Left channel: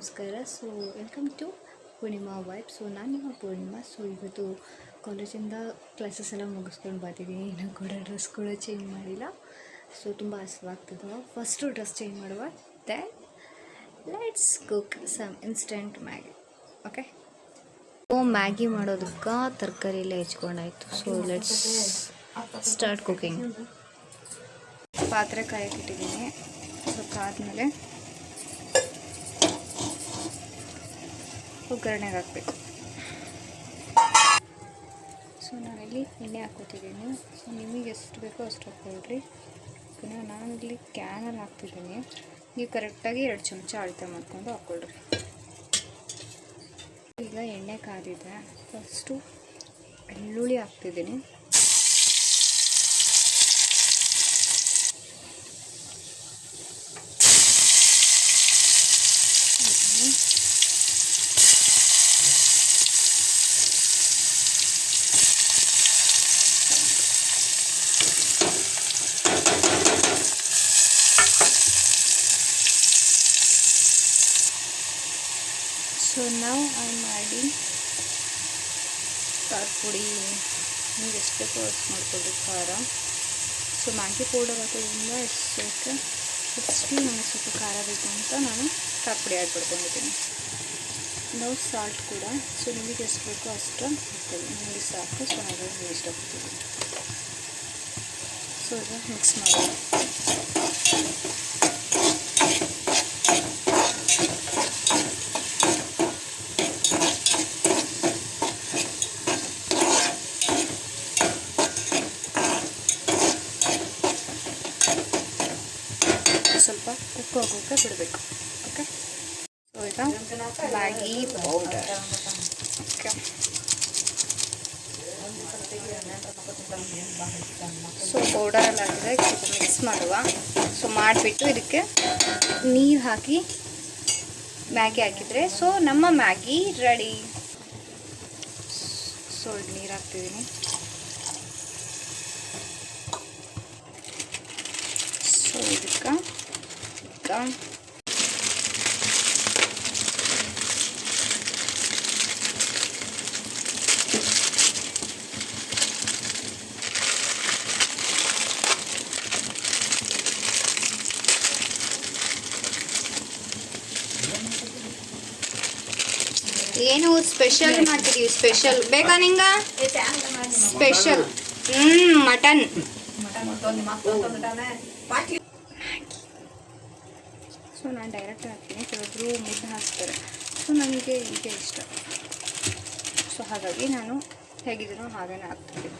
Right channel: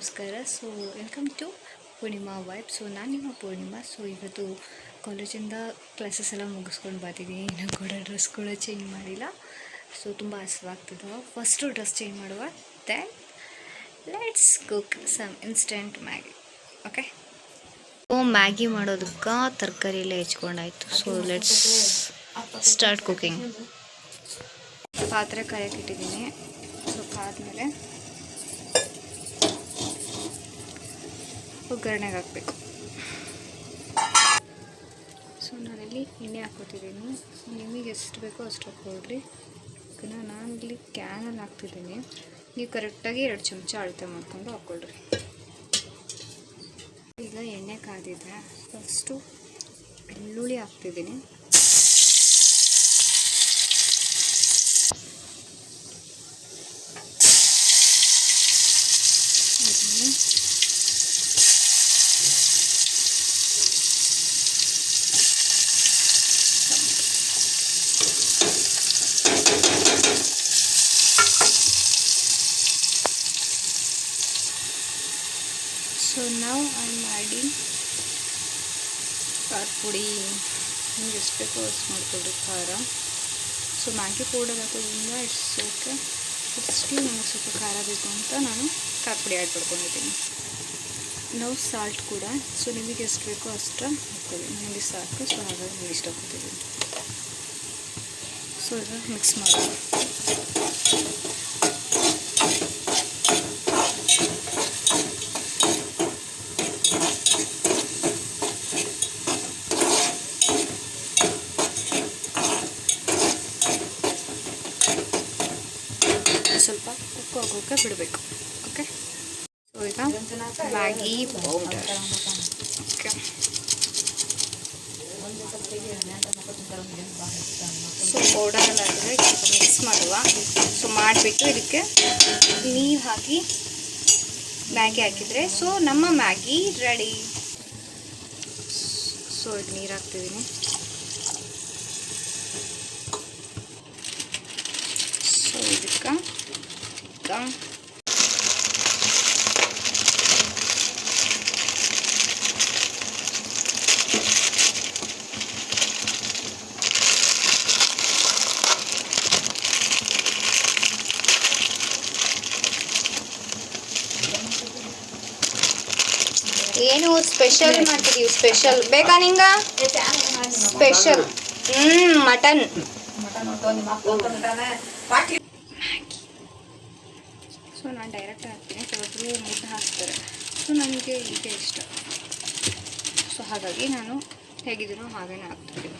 ನಮಸ್ಕಾರ. So welcome to Poornima vibe. So ನಾನು ನಿಮ್ಮ ಪೂರ್ಣಿಮಾ. ಸೊ ಇವತ್ತು ಕಾಲೇಜಿಂದ ಕ್ಲಾಸಸ್ ಎಲ್ಲ ಮುಗಿಸ್ಕೊಂಡು ಬರ್ತಿದ್ದೀನಿ. ಇನ್ನೂ ಕೂಡ ಡ್ರೆಸ್ ಕೂಡ ಚೇಂಜ್ ಮಾಡಿಲ್ಲ. ಸೊ ತುಂಬ ಹಸಿವಾಗ್ತದೆ. ಫಸ್ಟು ಡ್ರೆಸ್ ಚೇಂಜ್ ಮಾಡುವ, then let's cook some instant Maggi. Okay, so Maggi ಮಾಡೋದಕ್ಕೆ ತರಕಾರಿ ಎಲ್ಲ ಹೆಚ್ಕೊಂಡಾಯ್ತು. So let's start cooking. ಪಾತ್ರೆ ಕಾಯಕ್ಕೆ ಇಟ್ಟಿದ್ದೀನಿ. ಸ್ವಲ್ಪ ಆದಮೇಲೆ ಒಗ್ಗರಣೆಗೆ ಹಾಕಬೇಕು. ಸೊ ನಾನಿಲ್ಲಿ ಎಣ್ಣೆ ಹಾಕ್ಕೊತಿದ್ದೀನಿ. ಸೊ ನಿಮಗೆ ಎಷ್ಟು ಬೇಕೋ ಅಷ್ಟು ಹಾಕ್ಕೊಳ್ರಿ. ನಾನಿಲ್ಲಿ ಕ್ಯಾನಲ್ಲಿ ಹಾಕ್ತಿದ್ದೀನಿ. ನೀವು ಕರೆಕ್ಟಾಗಿ 2 ಚಮಚ ಅಳತೆ ಮಾಡಿಕೊಂಡು ಹಾಕ್ಕೊಳ್ರಿ. ಈಗ ಎಣ್ಣೆ ಕಾದಿದೆ. ಫಸ್ಟು ಬೆಳ್ಳುಳ್ಳಿ ಹಾಕ್ತಿದ್ದೀನಿ. ಸೊ ನಾವು ಮಾಡಿ ಖಾರ ಪುಡಿ ನಿಮ್ಗೆ ಎಷ್ಟು ಬೇಕೋ ಅಷ್ಟು ಮಾಡ್ಕೊಳ್ರಿ ಖಾರ. ಸೊ ಮ್ಯಾಗಿ ಪೌಡರ್ ಹಾಕೋದ್ರಿಂದ ಇಟ್ಸ್ ಓಕೆ. ಸ್ಟಿಲ್ ನನಗೆ ಸ್ವಲ್ಪ ಖಾರ ಬೇಕು ಅಂತ ನಾನು ಖಾರ ಪುಡಿ ಆ್ಯಡ್ ಮಾಡ್ಕೊಂಡಿದ್ದೀನಿ. ನಾವು ಸಾಲ್ಟ್ ಕೂಡ ಸೊ ನಿಮಗೆ ಎಷ್ಟು ಬೇಕೋ ಅಷ್ಟು ಹಾಕ್ಕೊಳ್ಳಿ. ನನಗೆ ಸಾಕು. ಸೊ ಹಾಗಾಗಿ ನಾನು ಇಷ್ಟಪಡ್ತಿದ್ದೀನಿ. ಸೊ ಈಗ ಮಿಕ್ಸ್ ಮಾಡೋಣ. ಸ್ವಲ್ಪ ಉಪ್ಪು ಹಾಕೋಕೆ ಬಿಡಬೇಕು. ಓಕೆ, ಸೊ ಈಗ ಮ್ಯಾಗಿ ಪೌಡರ್. ಓಕೆ, ಸೊ ಪೌಡರೆಲ್ಲ ಹಾಕಿದರೆ ಸ್ವಲ್ಪ ಮಿಕ್ಸ್ ಮಾಡುವ. ಸೊ ಮಾಡಿಬಿಟ್ಟು ಇದಕ್ಕೆ ನೀರು ಹಾಕಿ ಮ್ಯಾಗಿ ಹಾಕಿದರೆ ಸೊ ನಮ್ಮ ಮ್ಯಾಗಿ ರೆಡಿ. ಸೊ ಈಗ ನೀರು ಹಾಕ್ತಿದ್ದೀನಿ. ಸೊ ಇದಕ್ಕೆ ಏನು ಸ್ಪೆಷಲ್ ಮಾಡ್ತಿದ್ದೀವಿ. ಸ್ಪೆಷಲ್ ಬೇಕಾ ನಿಂಗ? Special mutton. ಸೊ ನಾನು ಡೈರೆಕ್ಟ್ ಹಾಕ್ತೀನಿ. ಕೆಲವೊಬ್ಬರು ಮುದ್ದೆ ಹಾಕ್ತಾರೆ. ಸೊ ನನಗೆ ಈಗ ಇಷ್ಟ. ಸೊ ಹಾಗಾಗಿ ನಾನು ಹೇಗಿದ್ದೀನೋ ಹಾಗೇ ಹಾಕ್ತೀನಿ.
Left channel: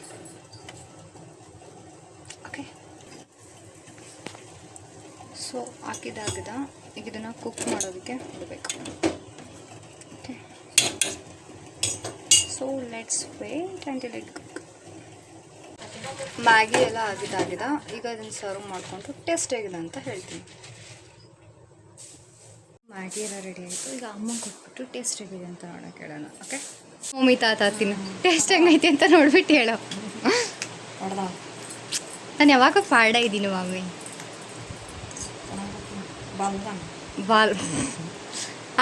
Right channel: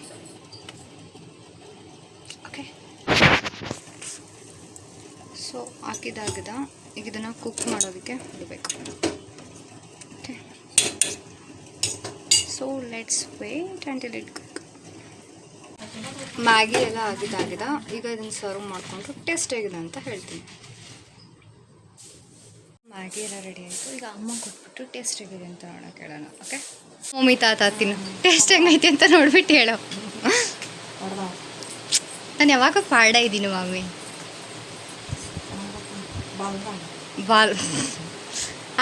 ಓಕೆ, ಸೊ ಹಾಕಿದಾಗದ ಈಗ ಇದನ್ನು ಕುಕ್ ಮಾಡೋದಕ್ಕೆ ಬಿಡಬೇಕು. Okay, so let's wait until it cook. Maggi ಎಲ್ಲ ಆಗಿದಾಗಿದೆ. ಈಗ ಇದನ್ನು ಸರ್ವ್ ಮಾಡಿಕೊಂಡು ಟೇಸ್ಟ್ ಹೇಗಿದೆ ಅಂತ ಹೇಳ್ತೀನಿ. ಮ್ಯಾಗಿ ಎಲ್ಲ ರೆಡಿ ಆಯಿತು. ಈಗ ಅಮ್ಮ ಕೊಟ್ಬಿಟ್ಟು ಟೇಸ್ಟ್ ಹೇಗಿದೆ ಅಂತ ನೋಡೋಕೆ ಹೇಳೋಣ. ಓಕೆ, ಮಮ್ಮಿ ತಾತ ತಿನ್ನು, ಟೇಸ್ಟ್ ಹೆಂಗೈತಿ ಅಂತ ನೋಡ್ಬಿಟ್ಟು ಹೇಳೋ. ನಾನು ಯಾವಾಗ ಪಾಡ ಇದ್ದೀನಿ ಮಮ್ಮಿ. ಬಾಲ್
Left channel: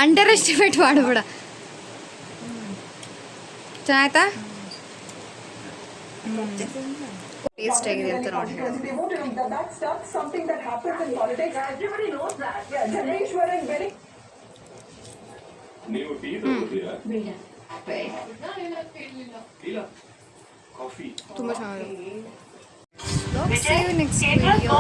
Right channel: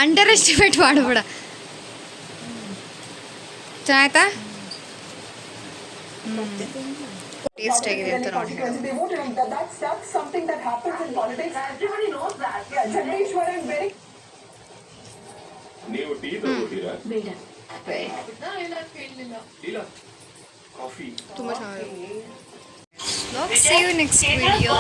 ಅಂಡರ್ ಎಸ್ಟಿಮೇಟ್ ಮಾಡಬೇಡ. ಚೆನ್ನಾಯ್ತಾ? ಟೇಸ್ಟ್ ಹೇಗಿದೆ ಅಂತ ನೋಡಿ ಹೇಳು. ತುಂಬ ಚೆನ್ನಾಗಿದೆ. See you next video.